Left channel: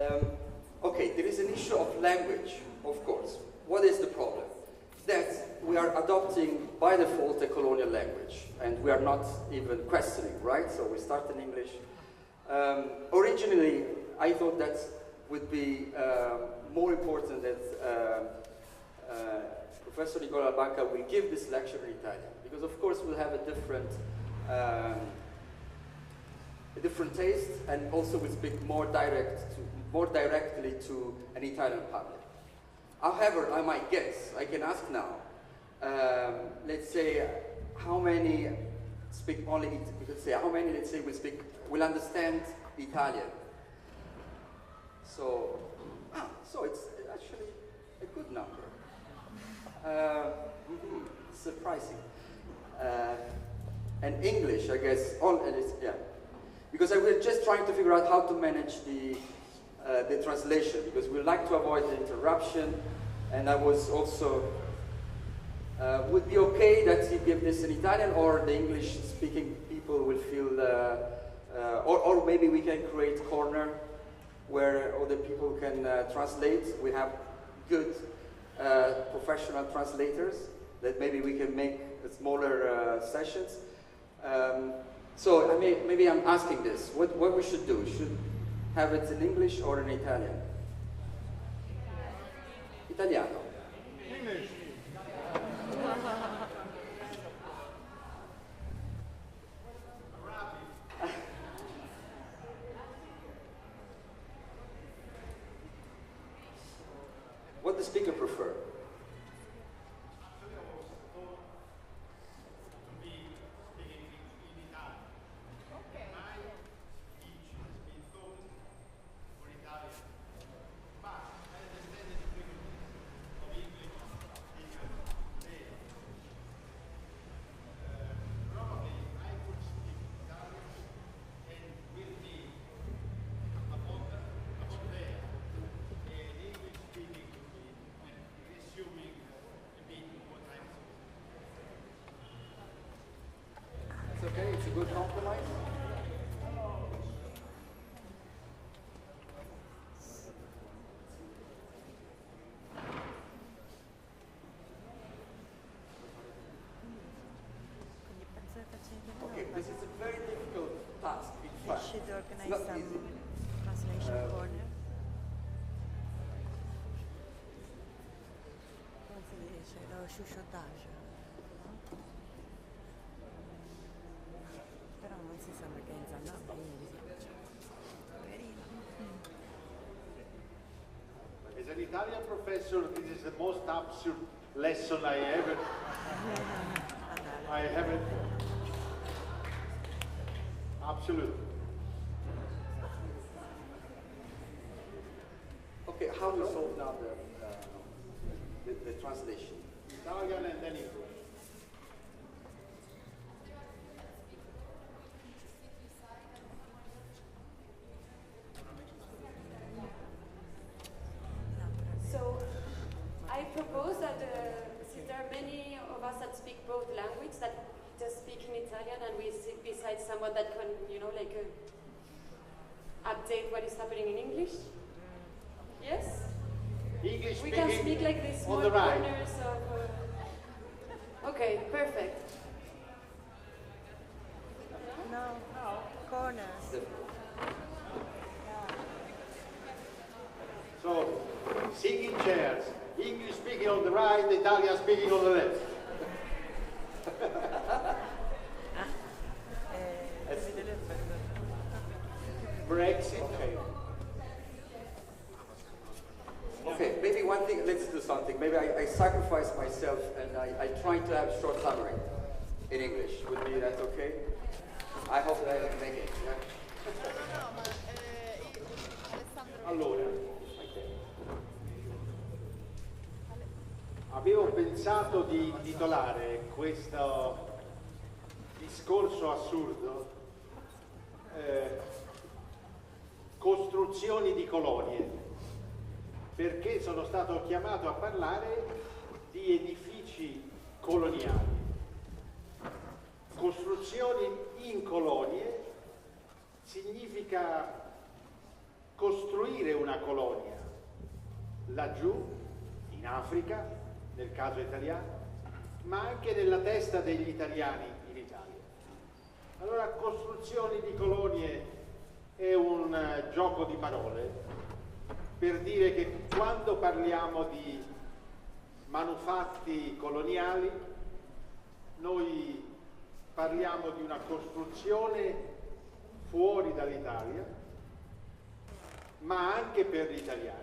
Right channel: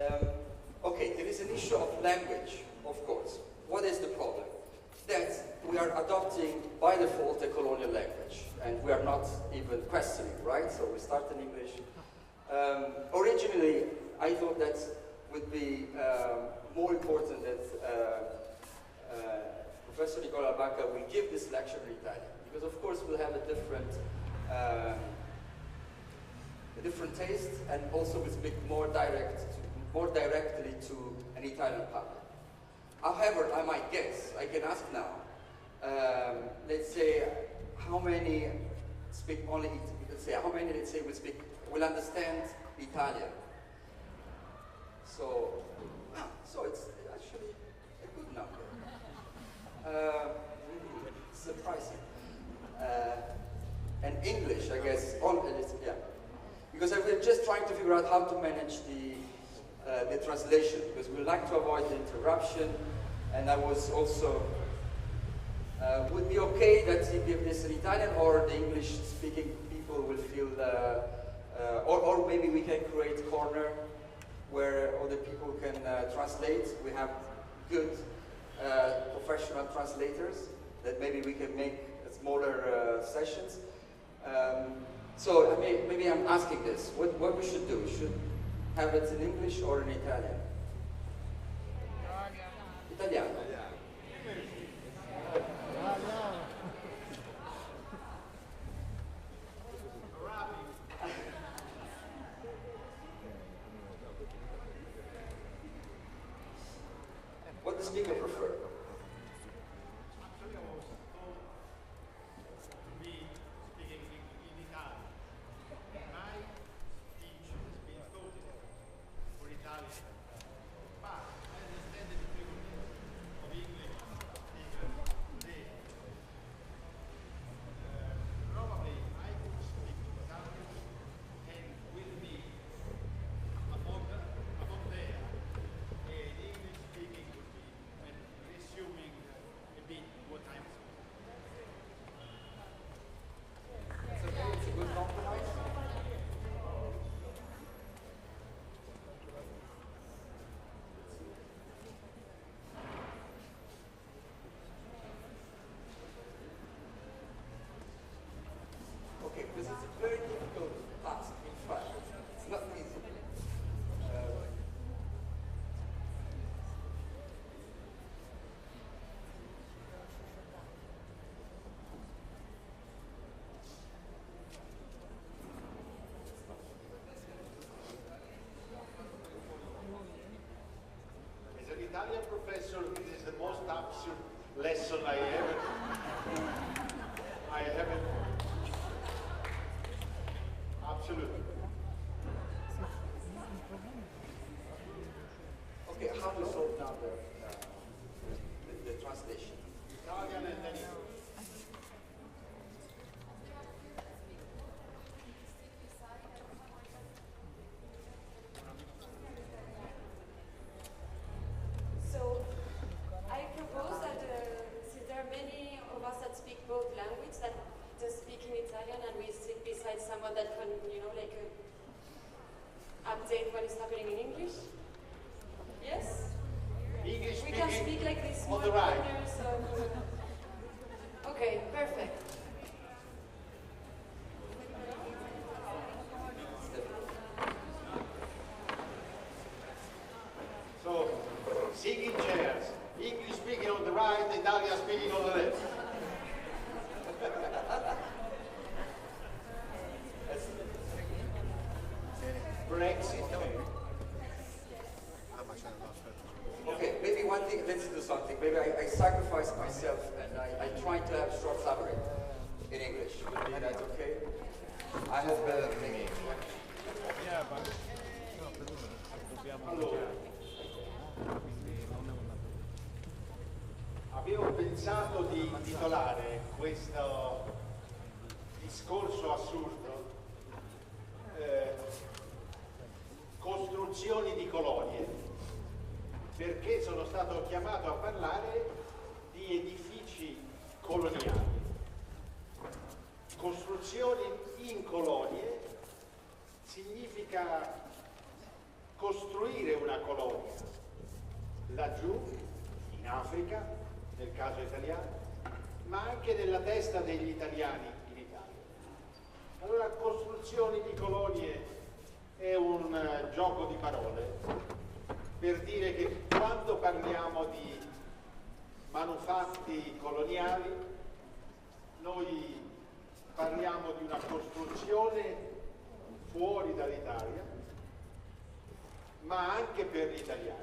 Um, okay, there is an issue of language, of course. What is the problem? That we are adopting by default a colonial language, and we are not even questioning, right? So we start in English. Originally, I thought that would be more important that Professor Nicola Banca will give this lecture in Italian, because of course we'll have a different taste, and also we speak more directly to an Italian public. However, I might guess, I can ask now, let's say how many speak only, let's say how many, let's say, will understand Italian. So it's actually a good number. Surprising. And English, I guess, yeah. Because I was just trying to figure out how to manage the translation, because we like to avoid the interruption, and I was also, would be okay that you give this in Italian, or the English-speaking people will feel, or maybe we can create a corner where other people can translate. We have good professional translators that maybe we can make smaller sessions. So maybe I'm asking this, what we should do? Should have it in English or in Italian? Italiano. What the speaker prefer? Good compromise? Okay, this is a very difficult task, in fact. It's not easy. As an Italian professor, this is the most absurd lesson I haven't. Absolutely. Okay, how do you solve now the translation? Italian and then English. So I propose that since there are many of us that speak both languages, that just speak in Italian, and we sit beside someone that can, update what is happening in English. Yes? English We can speak like this on small the right. corners of... Okay, perfect. So, singing chairs. English speaking on the right, Italian speaking on the left. Brexit. Okay, maybe one thing, let's do something. Maybe I sacrifice myself and I try to have short summary in English. Would be that okay? I hope that maybe. Allora, avevo pensato di intitolare questo discorso assurdo Costruzioni di colonie, perché sono stato chiamato a parlare di edifici coloniali. Costruzioni in colonie significa costruire una colonia laggiù, in Africa, nel caso italiano, ma anche nella testa degli italiani in Italia. Allora, costruzioni di colonie è un gioco di parole per dire che quando parliamo di manufatti coloniali, noi parliamo di una costruzione fuori dall'Italia, ma anche per gli italiani.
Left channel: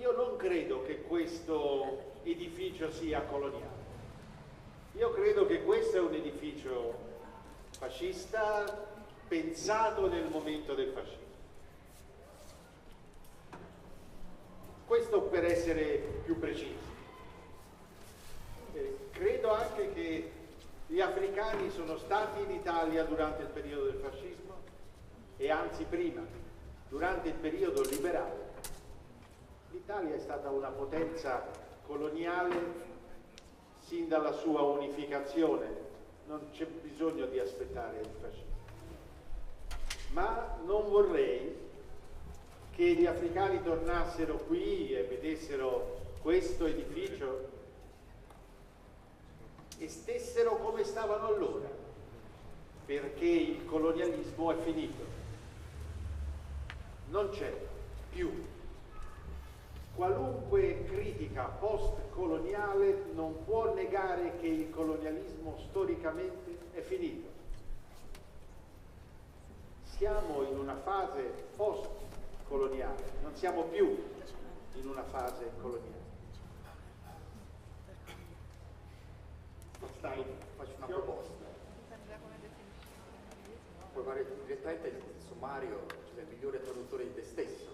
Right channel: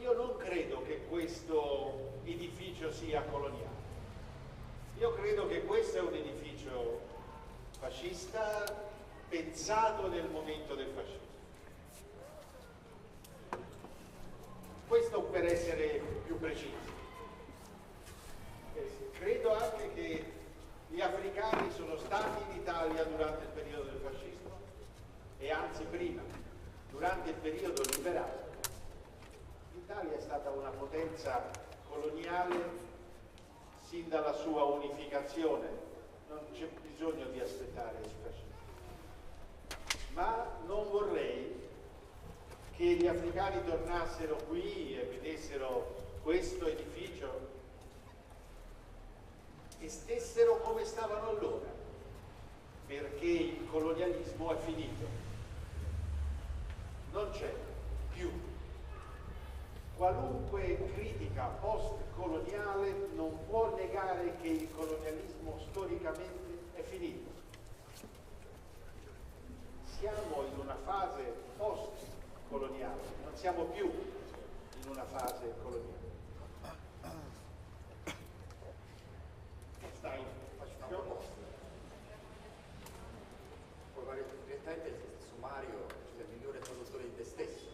Io non credo che questo edificio sia coloniale. Io credo che questo è un edificio fascista pensato nel momento del fascismo. Questo per essere più precisi. Credo anche che gli africani sono stati in Italia durante il periodo del fascismo e anzi prima, durante il periodo liberale. L'Italia è stata una potenza coloniale sin dalla sua unificazione, non c'è bisogno di aspettare il fascismo. Ma non vorrei che gli africani tornassero qui e vedessero questo edificio e stessero come stavano allora, perché il colonialismo è finito, non c'è più. Qualunque critica post-coloniale non può negare che il colonialismo storicamente è finito. Siamo in una fase post-coloniale, non siamo più in una fase coloniale. Faccio una proposta. Puoi fare direttamente il sommario, cioè il migliore traduttore di te stesso.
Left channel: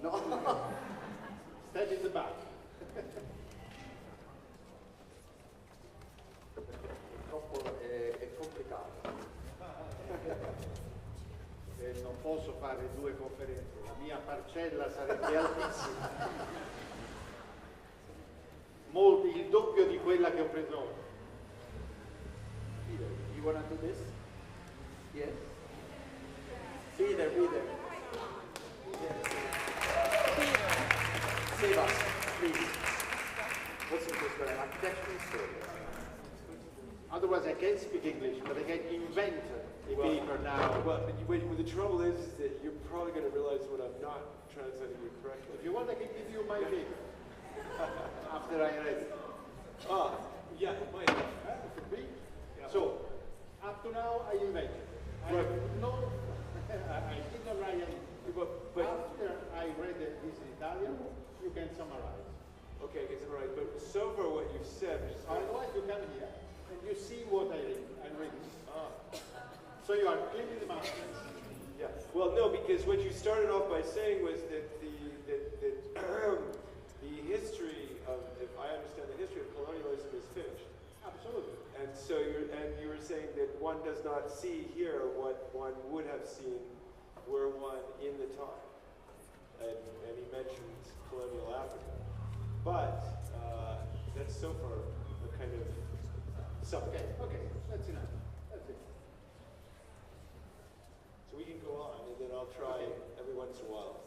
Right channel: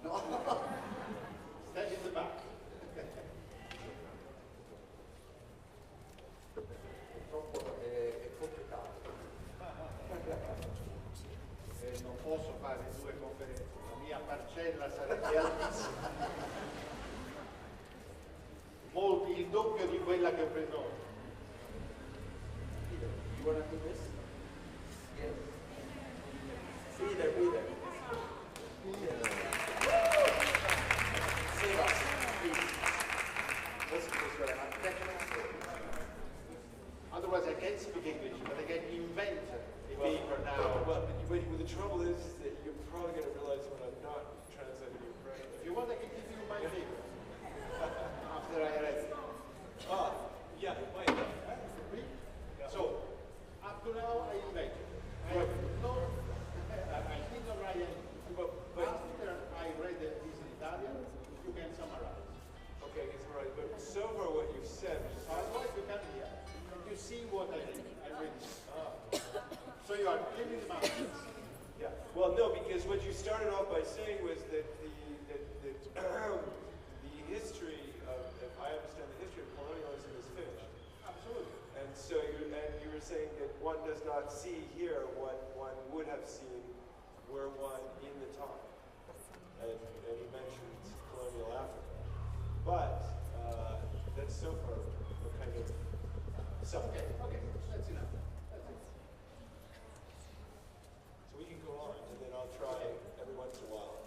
No? Step in the back. Purtroppo è complicato. Non posso fare due conferenze, la mia parcella sarebbe altissima. Il doppio di quella che ho preso oggi. You wanna do this? Yes. Be there. Save us, please. What's the first one? Architectural story. Otherwise I can't speak English, but I can invent a paper now. Well, the trouble is that you're probably going to realize when I'm not translating you correctly. If you want, I can give you my paper after I read it. Yeah, it might. So, up to now I invented. I did not write anything. But after I read this in Italian, you can summarize. Okay, I can summarize. But so far what you've said is... Otherwise you come here and you see what I read. So you are cleaning the mountains. Yeah. Well, no, because what you started off by saying was that the history of, if I understand the history of colonialism, is finished. Absolutely. And so you were saying that one does not see here what one would have seen were one in the time. And he mentioned colonial Africa. But that's so far a kind of something. Okay, that's enough. That's it. So we can go on, and then I'll try every once in a while.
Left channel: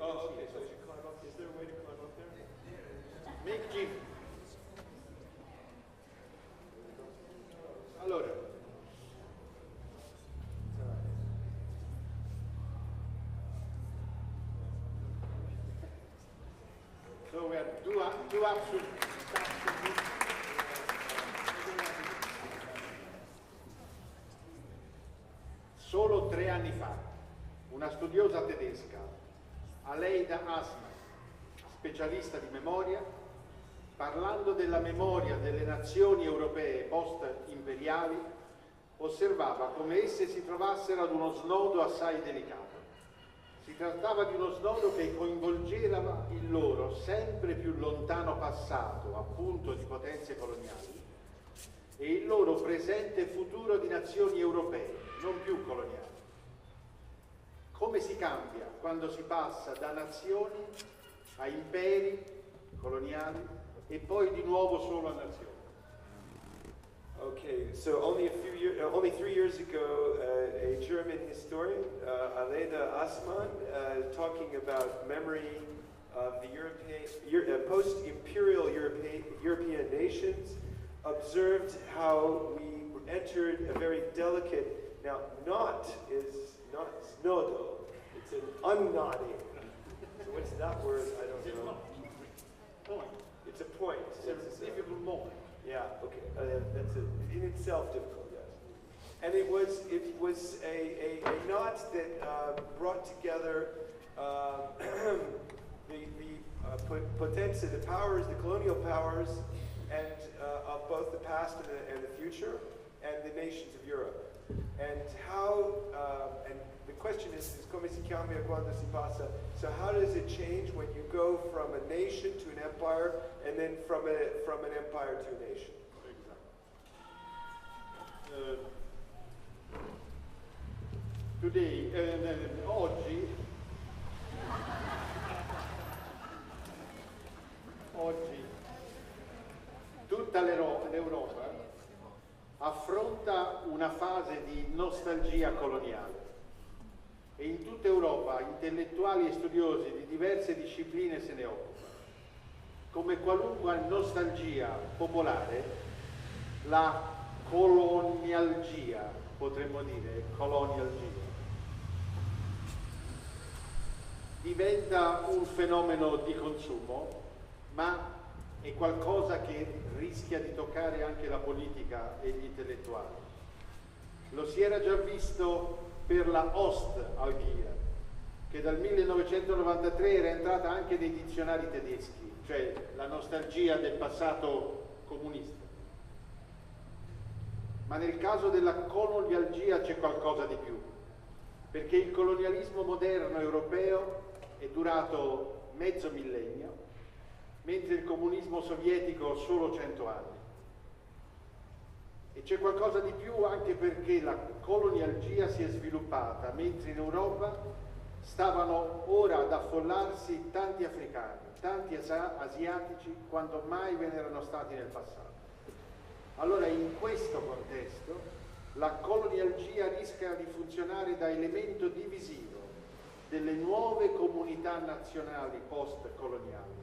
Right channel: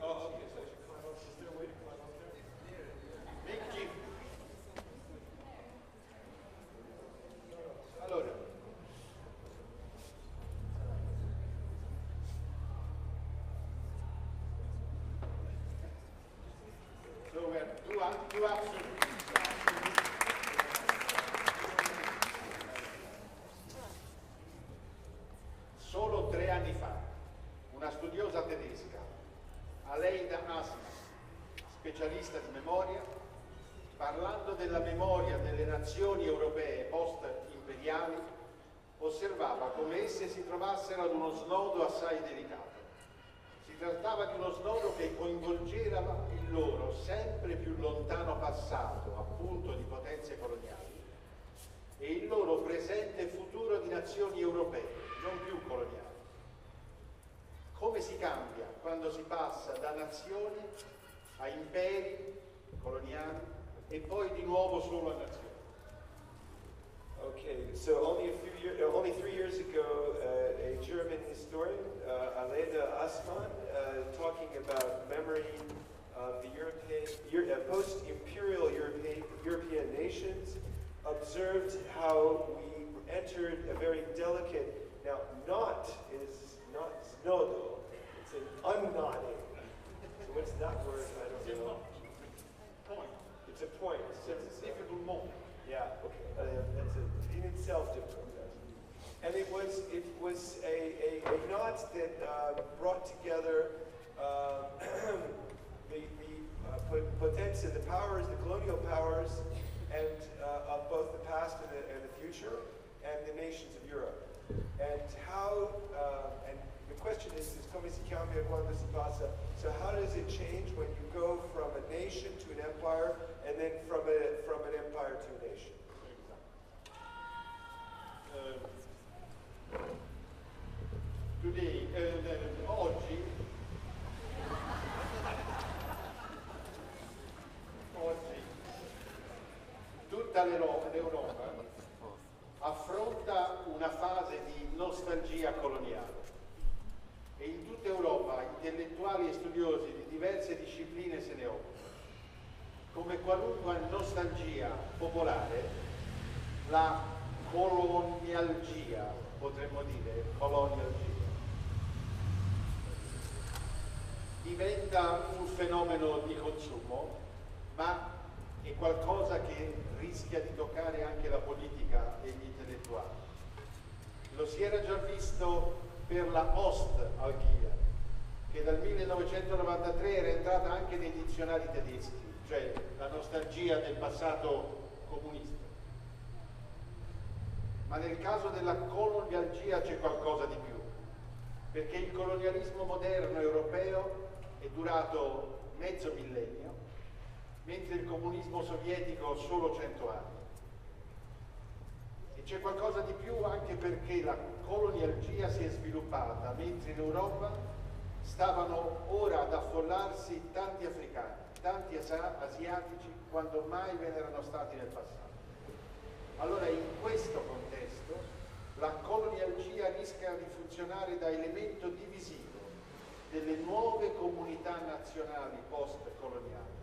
Oh, okay, so I should climb up. Is there a way to climb up there? Make Jim. Allora. So we have two options. Solo 3 anni fa, una studiosa tedesca, Aleida Asma, specialista di memoria, parlando della memoria delle nazioni europee post-imperiali, osservava come esse si trovassero ad uno snodo assai delicato. Si trattava di uno snodo che coinvolgeva il loro sempre più lontano passato, appunto di potenze coloniali, e il loro presente e futuro di nazioni europee, non più coloniali. Come si cambia quando si passa da nazioni a imperi coloniali e poi di nuovo solo a nazioni? Okay, so only 3 years ago, a German historian, Aleda Assmann, talking about memory of the post-imperial European nations, observed how we entered a very delicate. Now, knot is not znodo; it's an unknotting. So what's that word? I don't know. Point. It's a point. It's a difficult moment. Yeah, okay. That's in itself difficult, yes. And it was a knot that brought together the potenza, the powers, the colonial powers, and of both the past and the future, and the nations of Europe. And how, and the question is come si cambia quando si passa? So how does it change when you go from a nation to an empire, and then from an empire to a nation? Today, oggi tutta l'Europa affronta una fase di nostalgia coloniale e in tutta Europa intellettuali e studiosi di diverse discipline se ne occupano. Come qualunque nostalgia popolare, la colonialgia, potremmo dire, colonialgia, diventa un fenomeno di consumo, ma è qualcosa che rischia di toccare anche la politica e gli intellettuali. Lo si era già visto per la Ostalgia, che dal 1993 era entrata anche nei dizionari tedeschi, cioè la nostalgia del passato comunista. Ma nel caso della colonialgia c'è qualcosa di più, perché il colonialismo moderno europeo è durato mezzo millennio, mentre il comunismo sovietico solo 100 anni. E c'è qualcosa di più anche perché la colonialgia si è sviluppata, mentre in Europa stavano ora ad affollarsi tanti africani, tanti asiatici, quanto mai ve ne erano stati nel passato. Allora in questo contesto la colonialgia rischia di funzionare da elemento divisivo delle nuove comunità nazionali post-coloniali,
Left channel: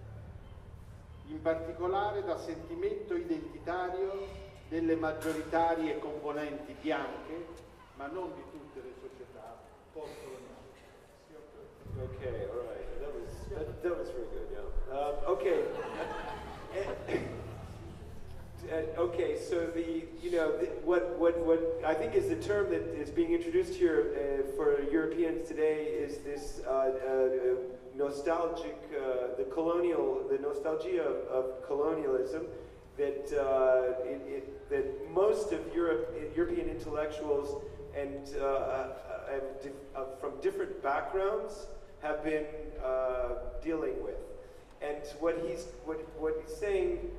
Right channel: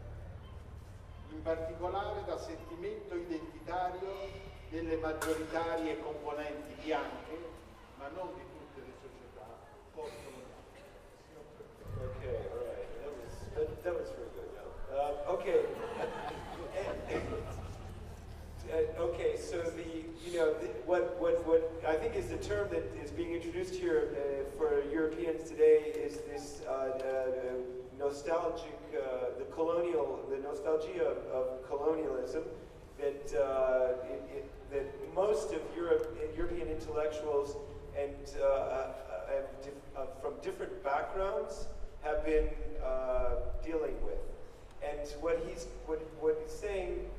in particolare da sentimento identitario delle maggioritarie componenti bianche, ma non di tutte le società post-coloniali. Okay, all right. That was very good. Yeah. Okay. Okay. So what I think is the term that is being introduced here for Europeans today is this nostalgic, the nostalgia of colonialism that that most of European intellectuals and from different backgrounds have been dealing with. And what he's saying,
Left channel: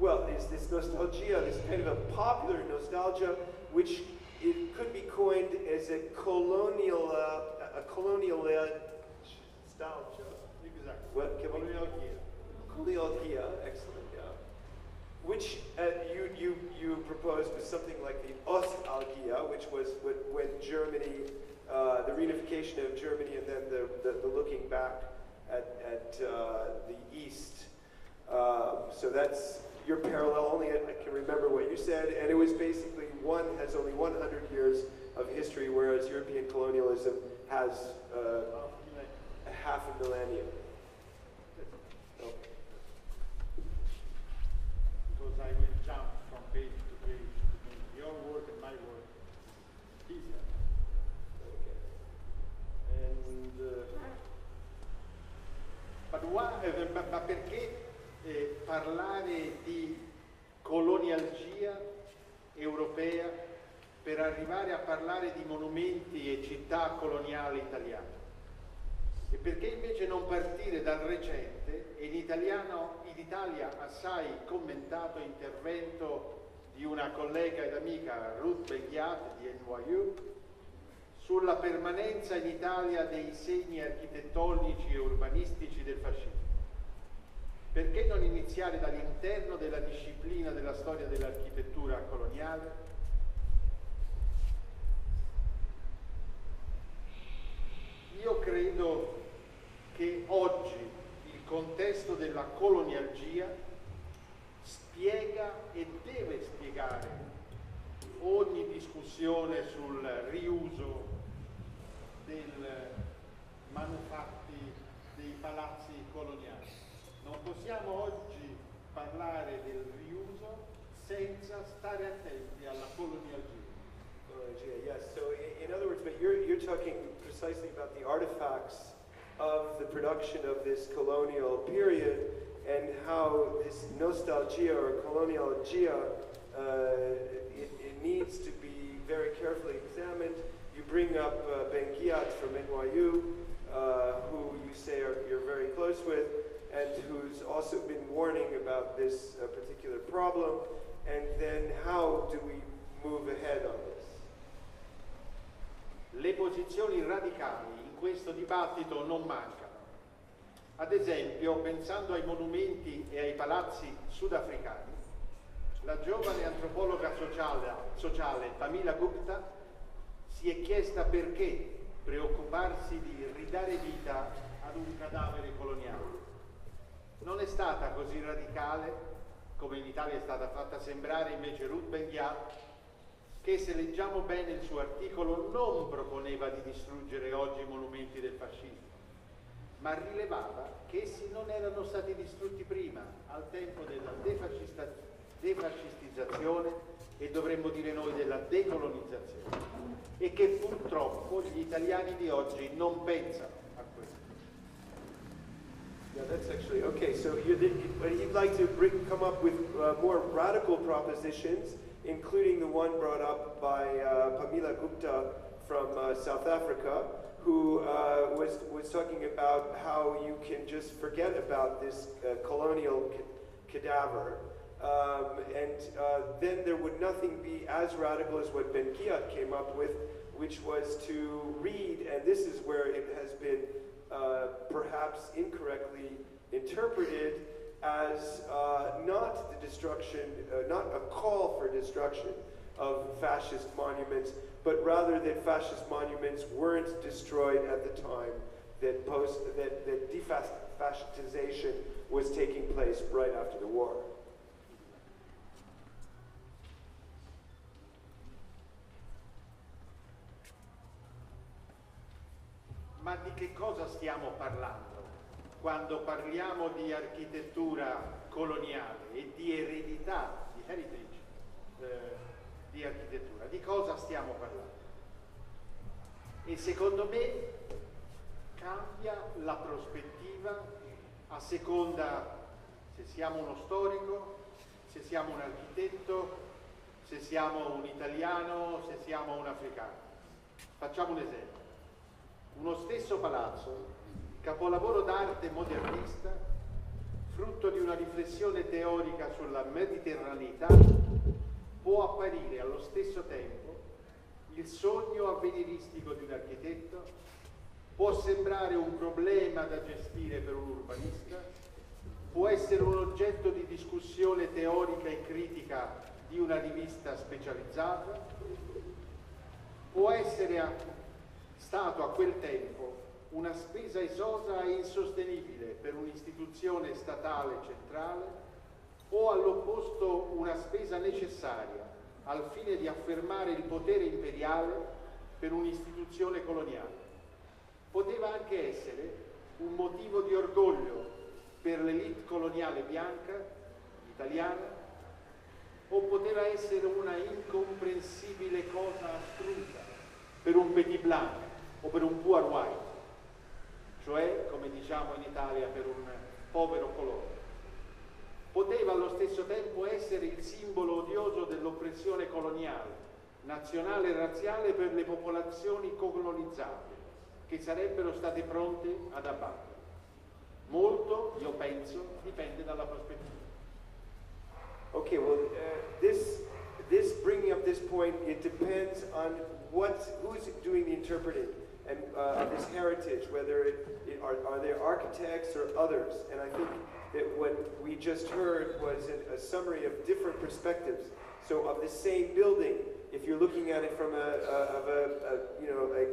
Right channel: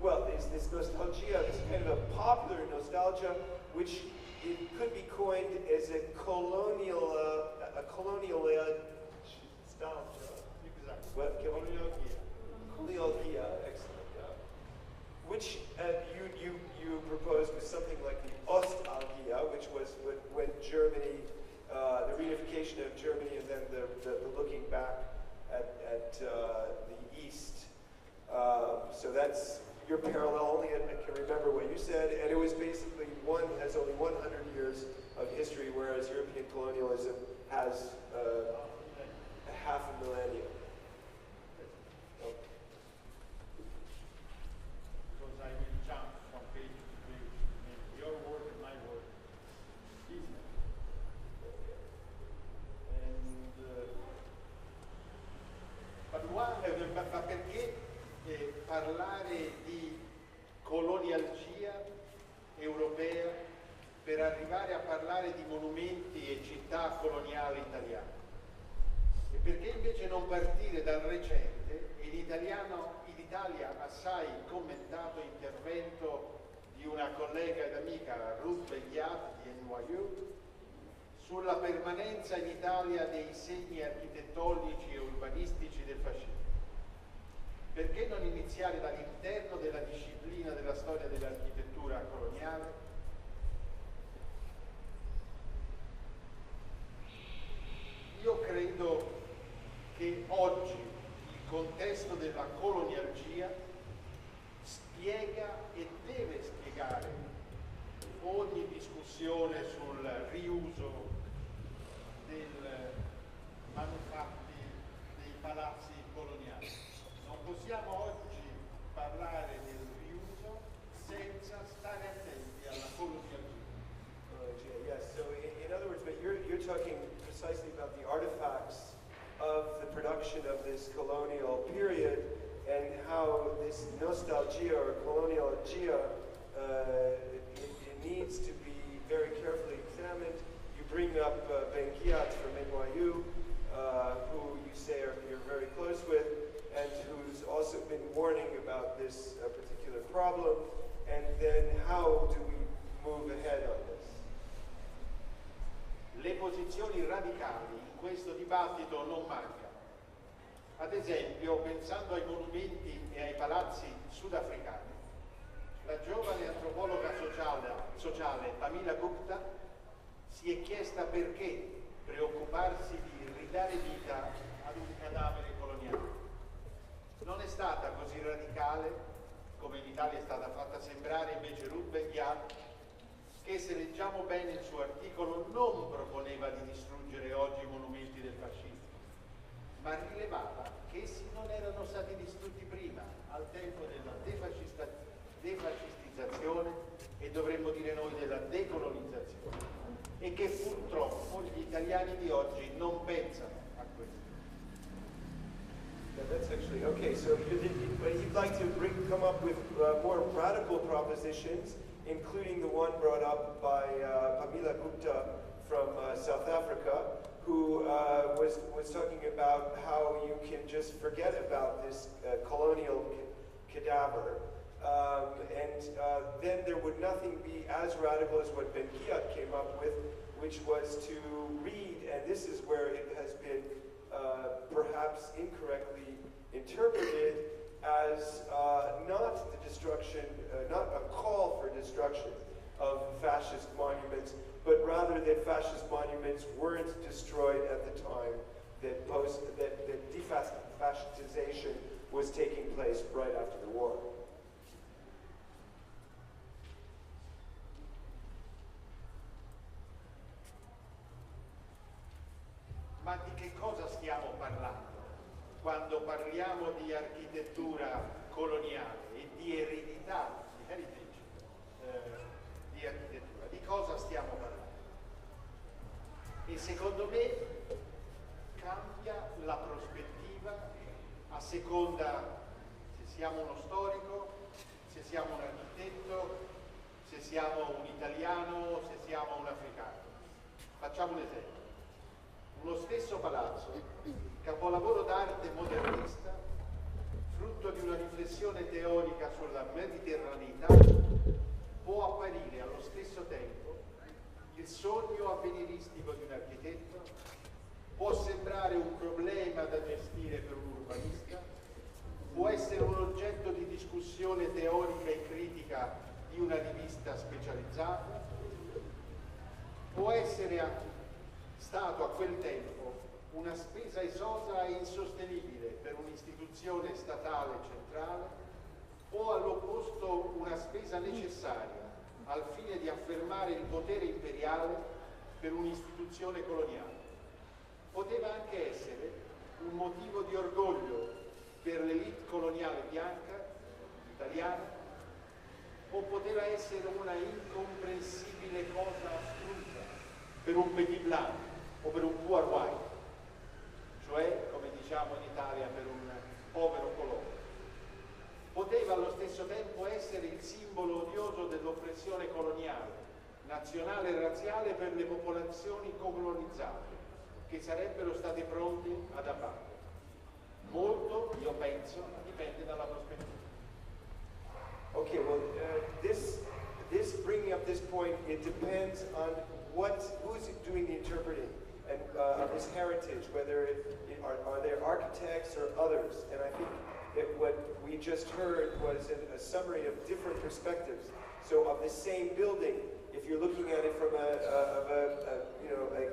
well, is this nostalgia, this kind of a popular nostalgia, which it could be coined as a colonial nostalgia. Exactly. What can we? Colonialgia. Colonialgia, excellent. Yeah. Which you proposed was something like the Ostalgia, which was when Germany, the reunification of Germany, and then the looking back at the East. So that's your parallel. Only I can remember what you said, and it was basically has only 100 years of history, whereas European colonialism has half a millennium. Because I will jump from page to page to make your work and my work easier. Okay. And ma perché parlare di colonialgia europea per arrivare a parlare di monumenti e città coloniali italiane? E perché invece non partire dal recente e in Italia assai commentato intervento di una collega ed amica, Ruth Begliat di NYU, sulla permanenza in Italia dei segni architettonici e urbanistici del fascismo? Perché non iniziare dall'interno della disciplina della storia dell'architettura coloniale? Io credo che oggi il contesto della colonialgia spiega e deve spiegare ogni discussione sul riuso dei manufatti dei palazzi coloniali. Non possiamo oggi parlare del riuso senza stare attenti alla colonialgia. Yes. So in other words, but you're talking precisely about the artifacts of the production of this colonial period and how this nostalgia or colonialgia it needs to be very carefully examined. You bring up Benguiat from NYU, who you say you're very close with, and who's also been warning about this particular problem. And then how do we move ahead on this? Le posizioni radicali in questo dibattito non mancano. Ad esempio, pensando ai monumenti e ai palazzi sudafricani, la giovane antropologa sociale Pamela Gupta si è chiesta perché preoccuparsi di ridare vita ad un cadavere coloniale. Non è stata così radicale, come in Italia è stata fatta sembrare invece Ruth Benguiat, che se leggiamo bene il suo articolo non proponeva di distruggere oggi i monumenti del fascismo, ma rilevava che essi non erano stati distrutti prima, al tempo della defascistizzazione e dovremmo dire noi della decolonizzazione, e che purtroppo gli italiani di oggi non pensano a questo. Yeah, that's actually okay. So but he'd like to come up with more radical propositions, including the one brought up by Pamela Gupta from South Africa, who was talking about how you can just forget about this colonial cadaver, and then there would nothing be as radical as what Benguiat came up with, which was to read, and this is where it has been perhaps incorrectly interpreted as not the destruction, not a call for destruction of fascist monuments, but rather that fascist monuments weren't destroyed at the time that defascistization was taking place right after the war. Ma di che cosa stiamo parlando quando parliamo di architettura coloniale e di eredità, di heritage di architettura? Di cosa stiamo parlando? E secondo me cambia la prospettiva a seconda se siamo uno storico, se siamo un architetto, se siamo un italiano, se siamo un africano. Facciamo un esempio. Uno stesso palazzo, capolavoro d'arte modernista, frutto di una riflessione teorica sulla mediterraneità, può apparire allo stesso tempo il sogno avveniristico di un architetto, può sembrare un problema da gestire per un urbanista, può essere un oggetto di discussione teorica e critica di una rivista specializzata, può essere stato a quel tempo una spesa esosa e insostenibile per un'istituzione statale centrale o all'opposto una spesa necessaria al fine di affermare il potere imperiale per un'istituzione coloniale. Poteva anche essere un motivo di orgoglio per l'elite coloniale bianca, italiana, o poteva essere una incomprensibile cosa astrusa per un petit blanc o per un poor white, cioè, come diciamo in Italia, per un povero colore. Poteva allo stesso tempo essere il simbolo odioso dell'oppressione coloniale, nazionale e razziale per le popolazioni colonizzate, che sarebbero state pronte ad abbattere. Molto, io penso, dipende dalla prospettiva. Okay, well, this bringing up this point, it depends on who's doing the interpreting and of this heritage, whether are there architects or others. And I think that what we just heard was a summary of different perspectives. So of the same building, if you're looking at it from a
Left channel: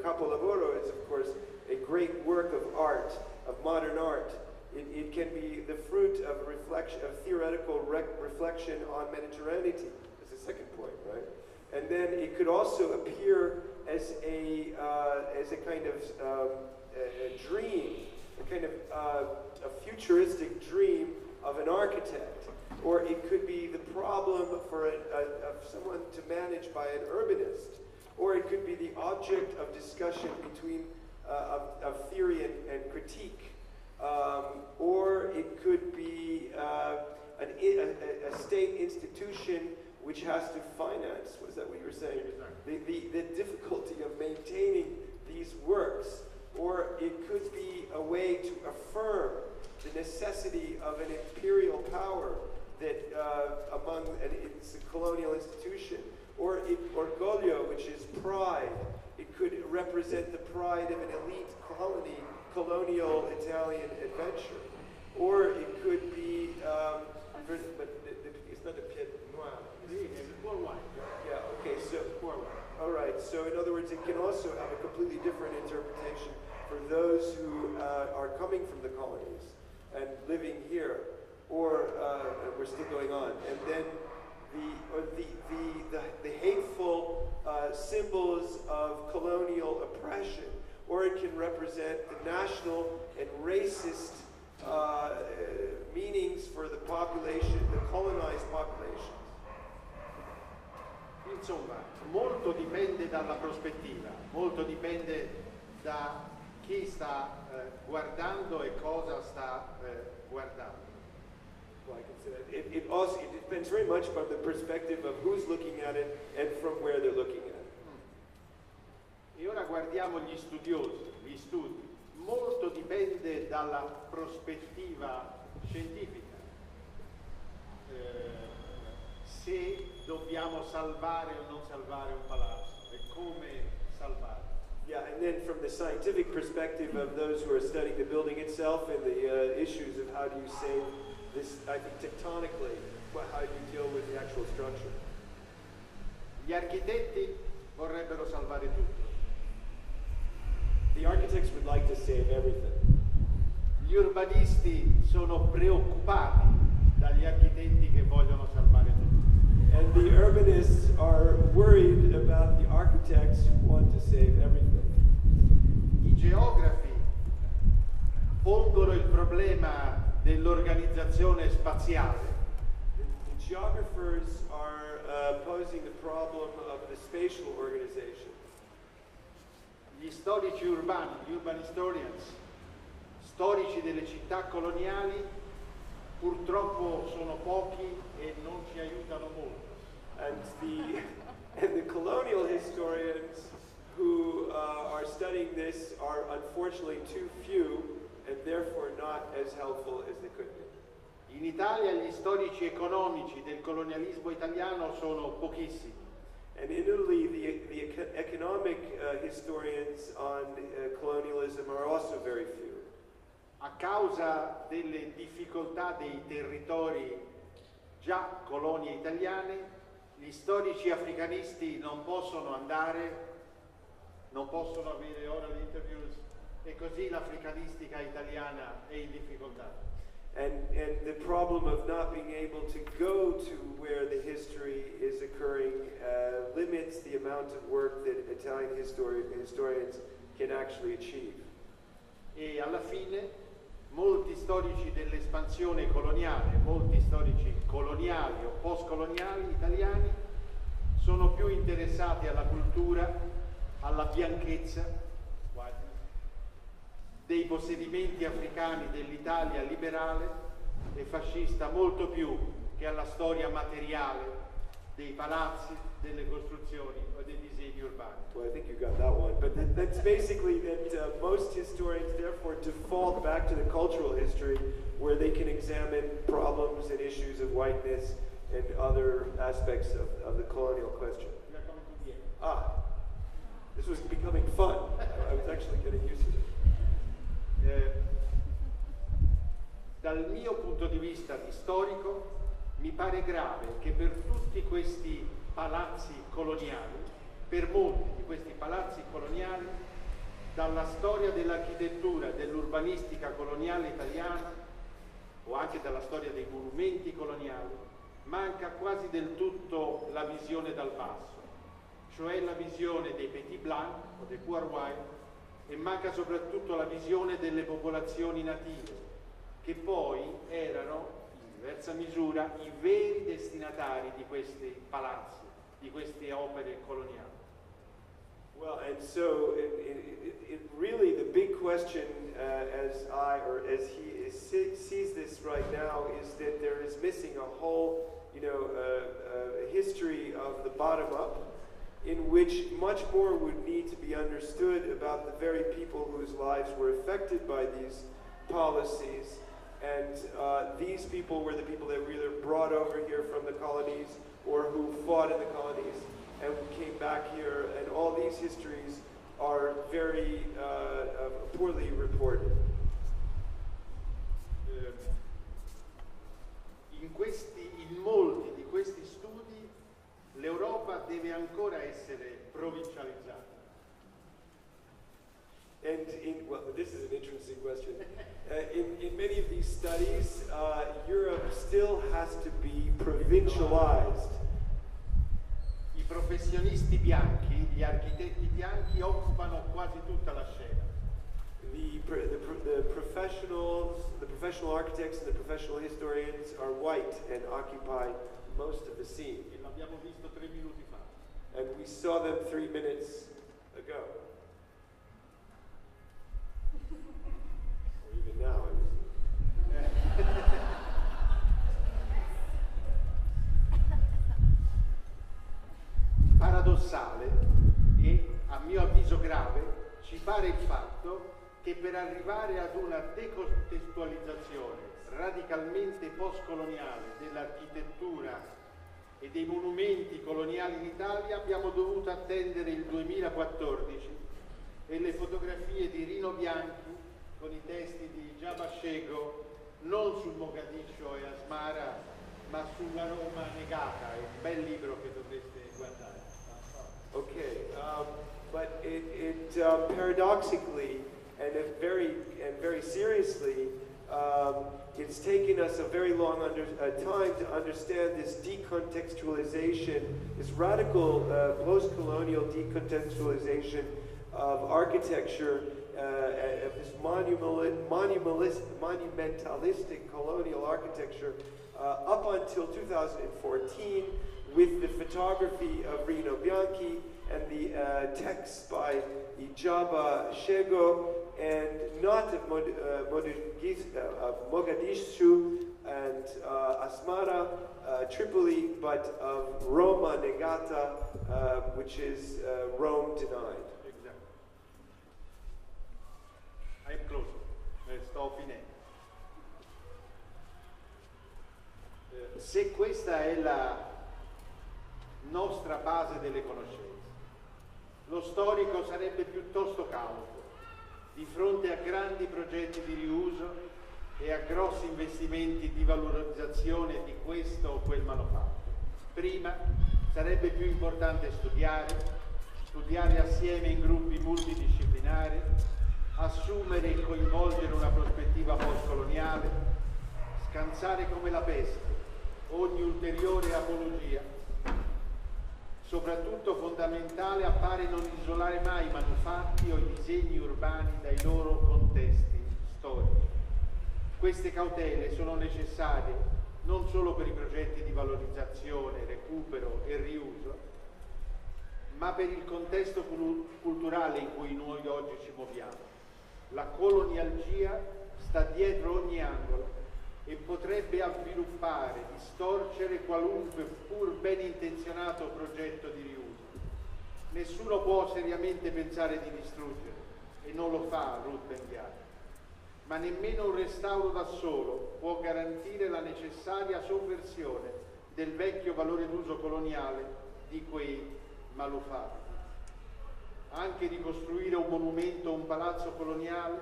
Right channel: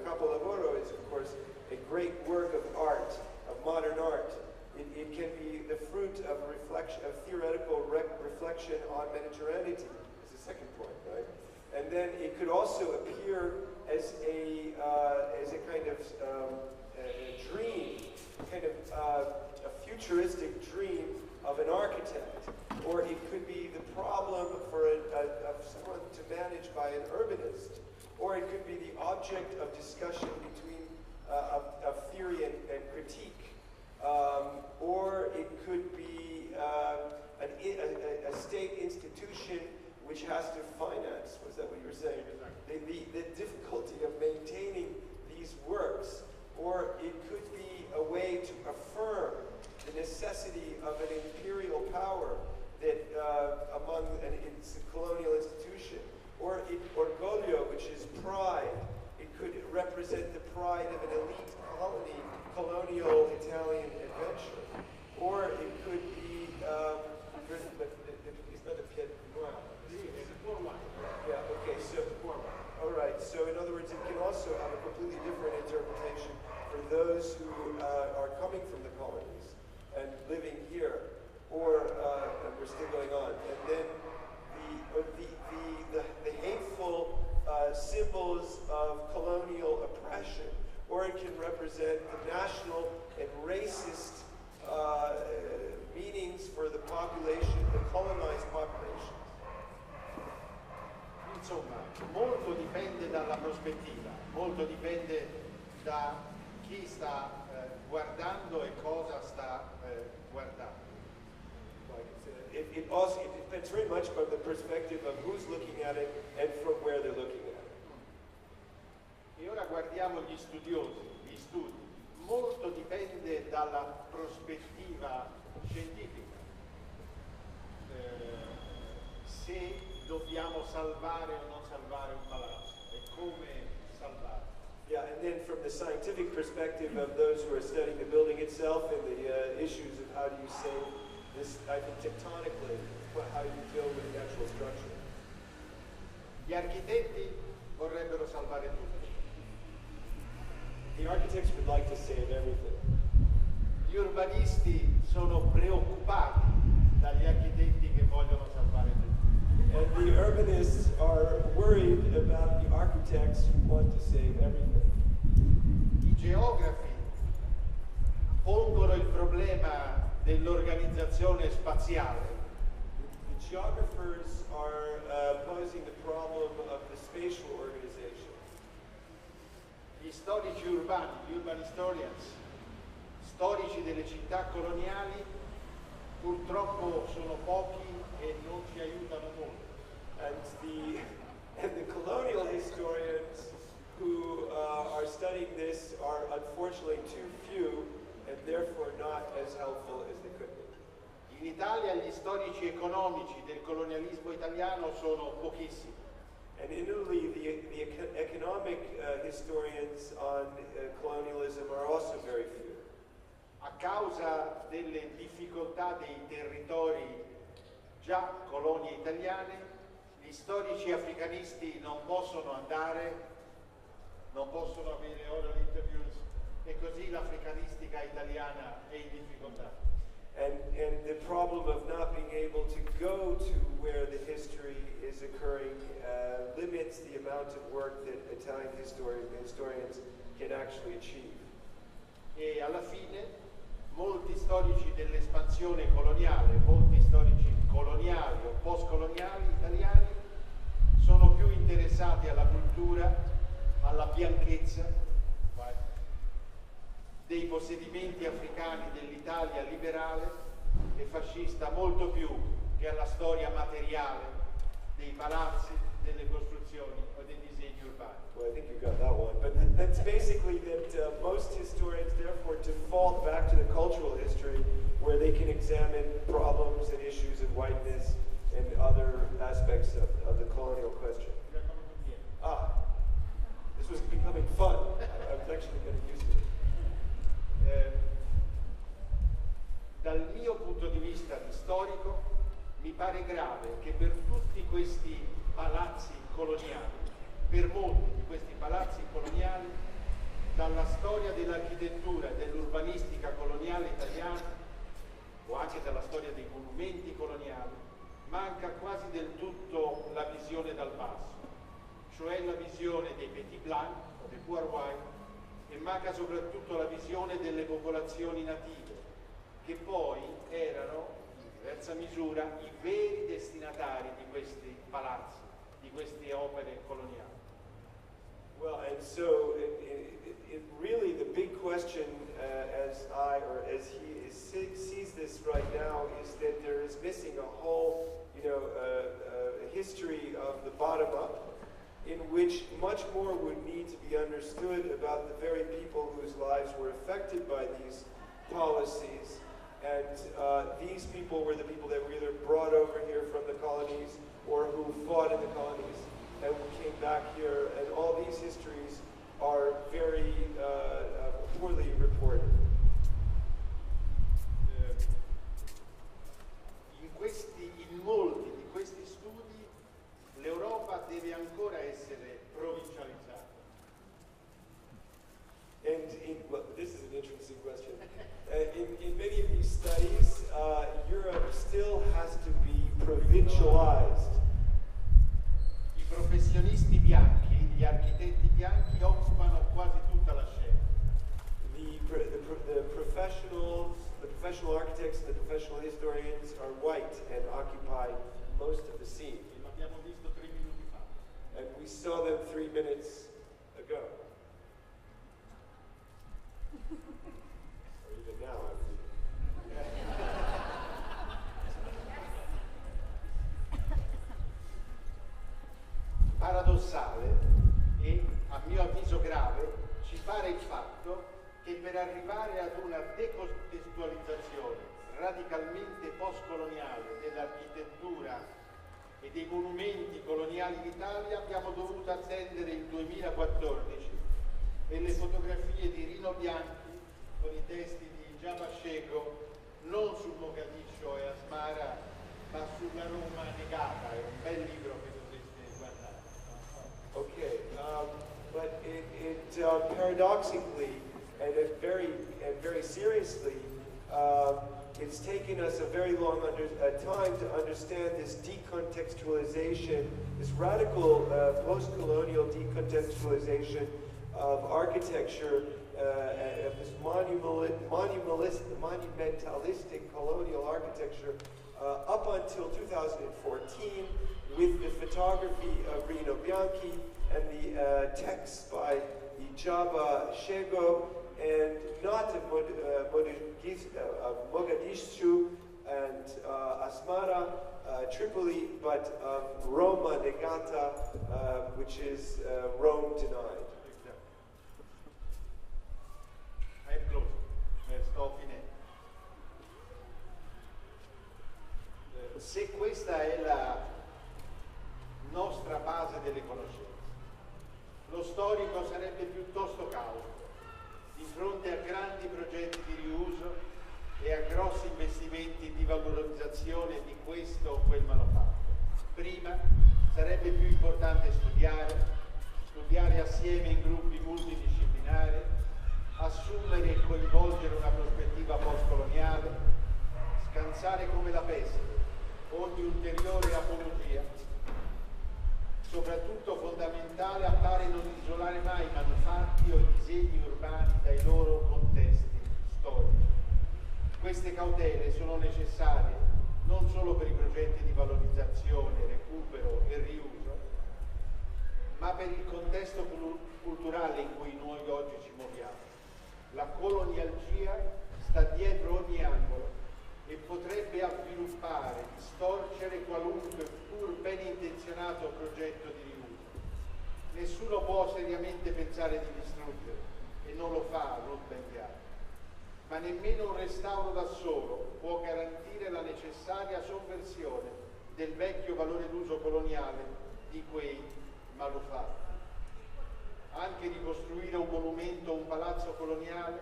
Capo Lavoro is of course a great work of art, of modern art. It can be the fruit of a reflection, of theoretical reflection on Mediterraneity. That's the second point, right? And then it could also appear as a kind of a dream, a kind of a futuristic dream of an architect, or it could be the problem for of someone to manage by an urbanist, or it could be the object of discussion between of theory and critique, or it could be a state institution which has to finance. Was that what you were saying? The difficulty of maintaining these works, or it could be a way to affirm the necessity of an imperial power that among it's a colonial institution, or orgoglio, which is pride. It could represent the pride of an elite colonial Italian adventure, or it could be it's not a pied noir. Yeah. Okay. So all right. So in other words, it can also have a completely different interpretation for those who are coming from the colonies and living here, or we're still going on, and then the hateful symbols of colonial oppression, or it can represent the national and racist meanings for the population, the colonized population. Insomma, molto dipende dalla prospettiva, molto dipende da chi sta guardando e cosa sta guardando. It also depends very much from the perspective of who's looking at it and from where they're looking at it. E ora guardiamo gli studiosi, gli studi. Molto dipende dalla prospettiva scientifica. Se dobbiamo salvare o non salvare un palazzo e come salvarlo. Yeah, and then from the scientific perspective of those who are studying the building itself and the issues of how do you save this, I think tectonically, how do you deal with the actual structure? Gli architetti vorrebbero salvare tutto. The architects would like to save everything. Gli urbanisti sono preoccupati dagli architetti che vogliono salvare tutto. And the urbanists are worried about the architects who want to save everything. I geografi pongono il problema dell'organizzazione spaziale. The geographers are posing the problem of the spatial organization. Gli storici urbani, gli urban historians, storici delle città coloniali, purtroppo sono pochi e non ci aiutano molto. And the colonial historians who are studying this are unfortunately too few and therefore not as helpful as they could be. In Italia gli storici economici del colonialismo italiano sono pochissimi. And in Italy, the economic historians on colonialism are also very few. A causa delle difficoltà dei territori già colonie italiane, gli storici africanisti non possono andare, non possono avere oral interviews e così l'africanistica italiana è in difficoltà. And the problem of not being able to go to where the history is occurring limits the amount of work that Italian historians can actually achieve. E alla fine molti storici dell'espansione coloniale, molti storici coloniali o postcoloniali italiani sono più interessati alla cultura, alla bianchezza dei possedimenti africani dell'Italia liberale e fascista, molto più che alla storia materiale dei palazzi, delle costruzioni o dei disegni urbani. Well, I think you got that one. But that's basically that most historians therefore default back to the cultural history where they can examine problems and issues of whiteness and other aspects of the colonial question. This was becoming fun. I was actually getting used to it. Dal mio punto di vista di storico, mi pare grave che per tutti questi palazzi coloniali, per molti di questi palazzi coloniali, dalla storia dell'architettura e dell'urbanistica coloniale italiana, o anche dalla storia dei monumenti coloniali, manca quasi del tutto la visione dal basso, cioè la visione dei petit blanc o dei poor white, e manca soprattutto la visione delle popolazioni native, che poi erano in diversa misura i veri destinatari di questi palazzi, di queste opere coloniali. Well, and so it really the big question, as he sees this right now, is that there is missing a whole, history of the bottom up, in which much more would need to be understood about the very people whose lives were affected by these policies. And these people were the people that were either brought over here from the colonies or who fought in the colonies and came back here, and all these histories are very poorly reported. In molti di questi studi l'Europa deve ancora essere provincializzata. And well, this is an interesting question. In many of these studies, Europe still has to be provincialized. I professionisti bianchi, gli architetti bianchi occupano quasi tutta la scena. The professional architects and the professional historians are white and occupy most of the scene. E l'abbiamo visto 3 minuti fa. And we saw them 3 minutes ago. Or even now. Paradossale e, a mio avviso grave, ci pare il fatto che per arrivare ad una decontestualizzazione radicalmente postcoloniale dell'architettura e dei monumenti coloniali in Italia abbiamo dovuto attendere il 2014 e le fotografie di Rino Bianchi con i testi di Giabascego non sul Mogadiscio e Asmara ma sulla Roma negata. È un bel libro che dovreste guardare. Okay, but paradoxically and very seriously, it's taken us a very long time to understand this decontextualization, this radical post-colonial decontextualization of architecture, of this monumentalistic colonial architecture up until 2014, with the photography of Rino Bianchi and the texts by Ijaba Shego, and not of Mogadishu and Asmara, Tripoli, but of Roma Negata, which is Rome denied. Exactly. I'm close. Sto finendo. Se questa è la nostra base delle conoscenze, lo storico sarebbe piuttosto cauto di fronte a grandi progetti di riuso e a grossi investimenti di valorizzazione di questo o quel manufatto. Prima sarebbe più importante studiare assieme in gruppi multidisciplinari, assumere e coinvolgere una prospettiva postcoloniale, scansare come la peste ogni ulteriore apologia. Soprattutto fondamentale appare non isolare mai i manufatti o i disegni urbani dai loro contesti storici. Queste cautele sono necessarie non solo per i progetti di valorizzazione, recupero e riuso, ma per il contesto culturale in cui noi oggi ci muoviamo. La colonialgia sta dietro ogni angolo e potrebbe avviluppare, distorcere qualunque pur ben intenzionato progetto di riuso. Nessuno può seriamente pensare di distruggere, e non lo fa Ruth Ben-Ghiat, ma nemmeno un restauro da solo può garantire la necessaria sovversione del vecchio valore d'uso coloniale di quei manufatti. Anche ricostruire un monumento o un palazzo coloniale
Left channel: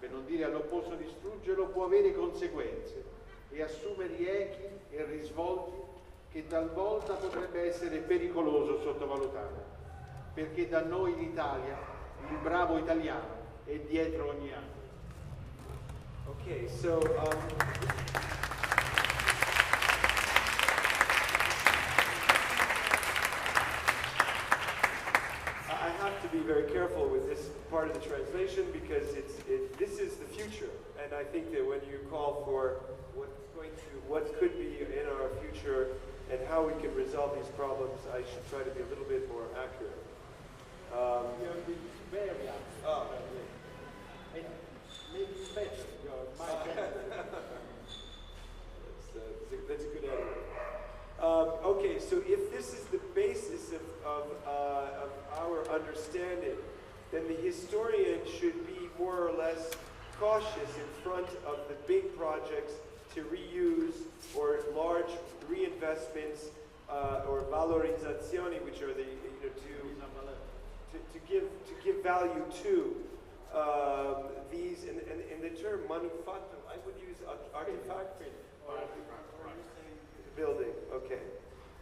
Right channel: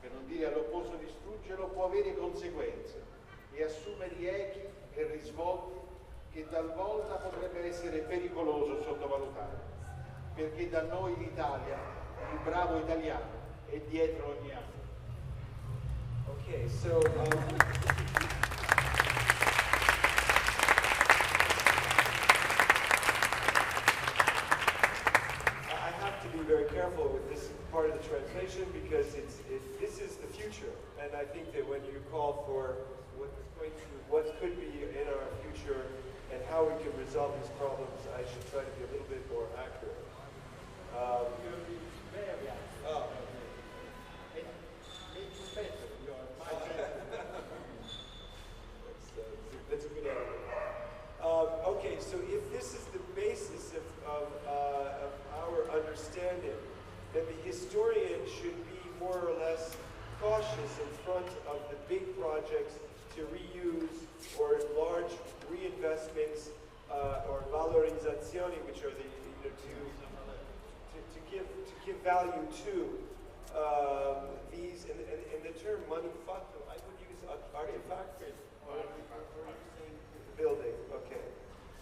per non dire all'opposto distruggerlo, può avere conseguenze e assumere echi e risvolti che talvolta potrebbe essere pericoloso sottovalutare, perché da noi in Italia il bravo italiano è dietro ogni angolo. Okay, so I have to be very careful with this part of the translation because this is the future, and I think that when you call for what could be in our future and how we can resolve these problems, I should try to be a little bit more accurate. You're being very accurate. Oh. And make you better. You're my That's a good answer. Okay, so if this is the basis of our understanding, then the historian should be more or less cautious in front of the big projects to reuse or large reinvestments or valorizzazioni, which are the to give value to these. And the term manufatto, I would use artifact. Building. Okay.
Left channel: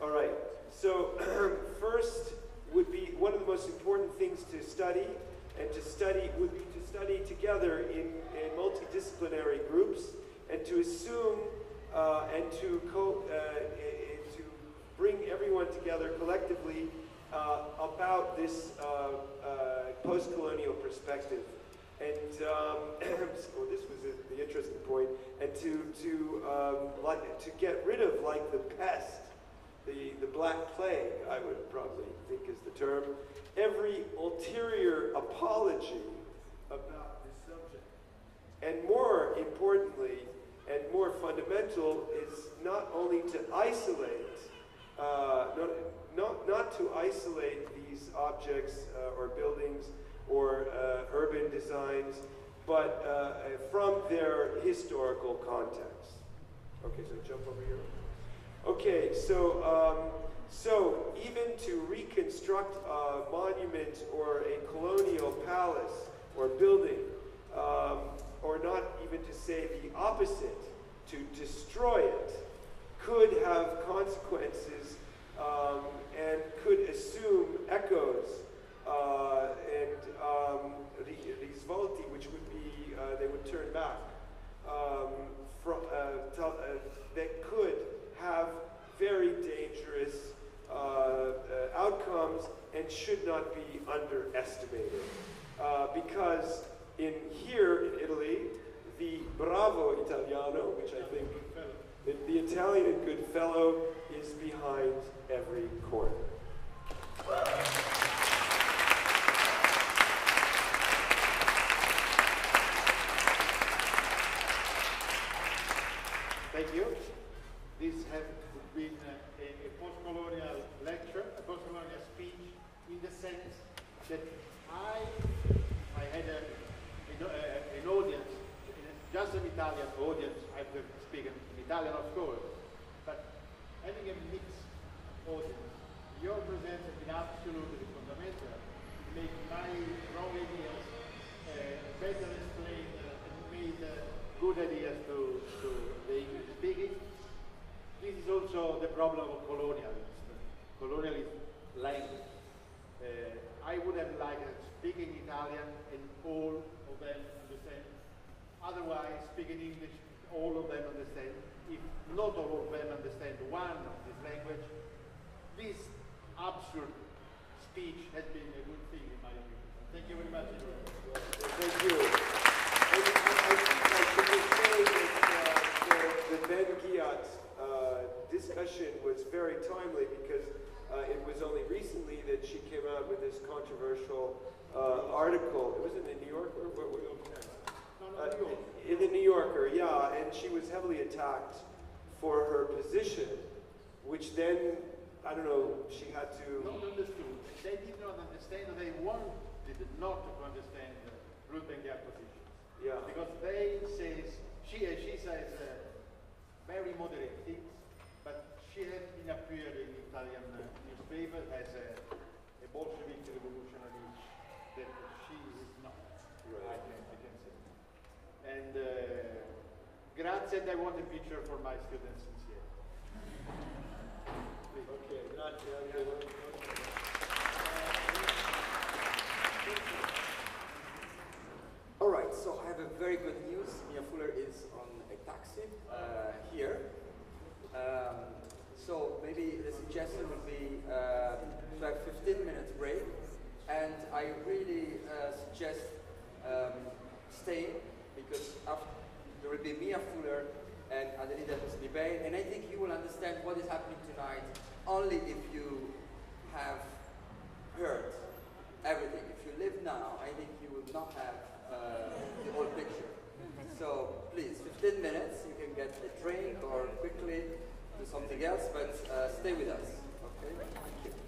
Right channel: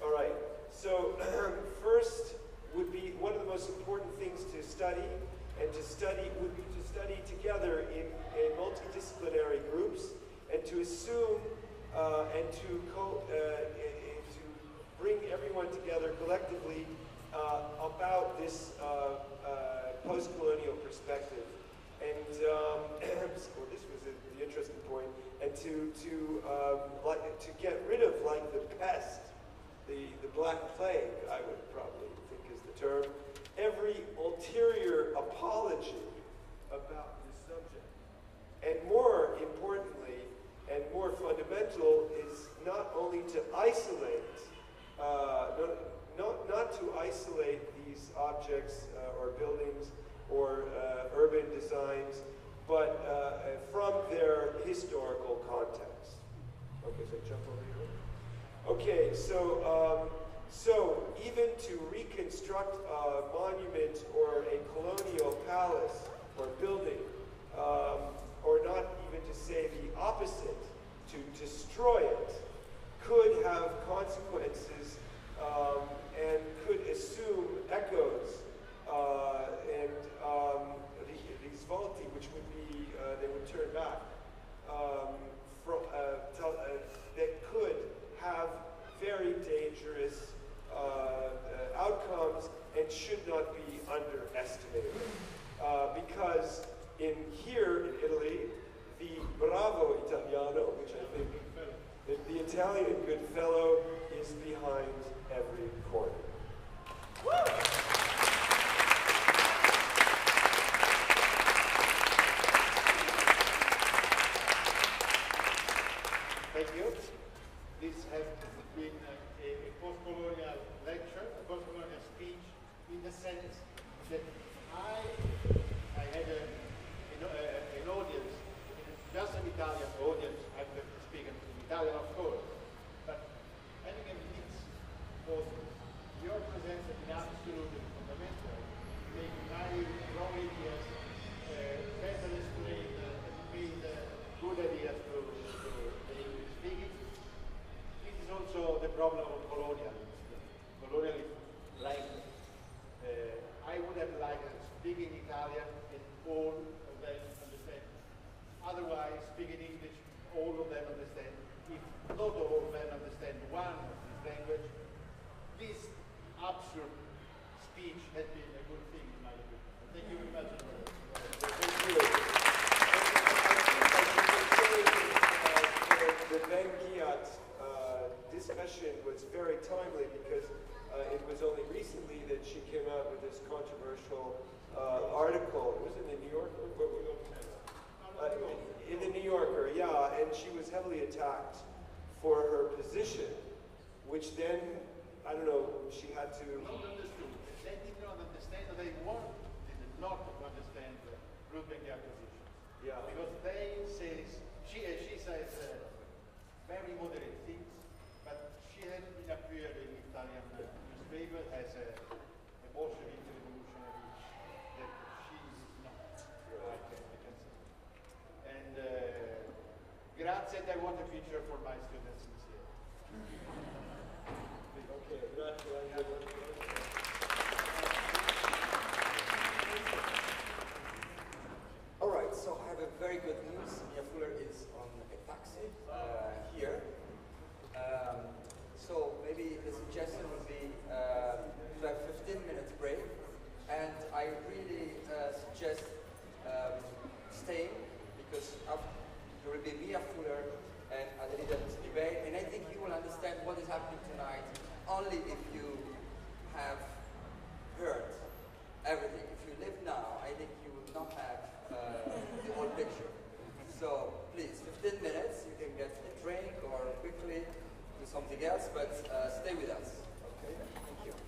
All right. So first would be one of the most important things to study, and to study would be to study together in multidisciplinary groups, and to assume and to bring everyone together collectively about this post-colonial perspective. And well, this was the interesting point. And to get rid of, like, the pest, the Black Plague, I would probably think is the term, every ulterior apology about this subject. And more importantly, and more fundamental, is not only to isolate, not to isolate these objects or buildings or urban designs, but from their historical context. Okay, so jump over here. Okay, so even to reconstruct a monument or a colonial palace or building, or not even to say the opposite, to destroy it, could have consequences and could assume echoes and risvolti, which would be, they would turn back, that could have very dangerous outcomes and should not be underestimated. Because here in Italy, the bravo Italiano, which I think the Italian good fellow, is behind every corner. Thank you. This has been a post-colonial lecture, a post-colonial speech, in the sense that I had an audience, just an Italian audience. I speak in Italian, of course, but having a mixed audience. Your presence has been absolutely fundamental in making my wrong ideas better explained and made good ideas to the English speaking. This is also the problem of colonialism language. I would have liked speaking Italian and all of them understand. Otherwise, speaking English, all of them understand. If not all of them understand one of this language, this absurd speech has been a good thing in my view. Thank you very much. Thank you. I think I should say that the Ben Kiat discussion was very timely because it was only recently that she came out with this controversial article. It was in the New Yorker? In the New Yorker, yeah, and she was heavily attacked for her position, which then, I don't know, she had to... Not understood. They did not understand, they wanted not to understand Ruth Benchia's position. Yeah. Because they says, she says very moderate things, but she has been appeared in Italian newspaper as a Bolshevik revolutionary that she is not. Right. I can say. said I want a picture for my students this year. Okay, grazie. All right, so I have a very good news. Mia Fuller is on a taxi here. So maybe the suggestion would be to have 15 minutes break. And I really suggest staying because there will be Mia Fuller and Adelida Snibe, and I think you will understand what is happening tonight only if you have heard everything. If you live now, I think you will not have the whole picture. So please, 15 minutes, you can get a drink or quickly do something else, but stay with us. Okay? Thank you.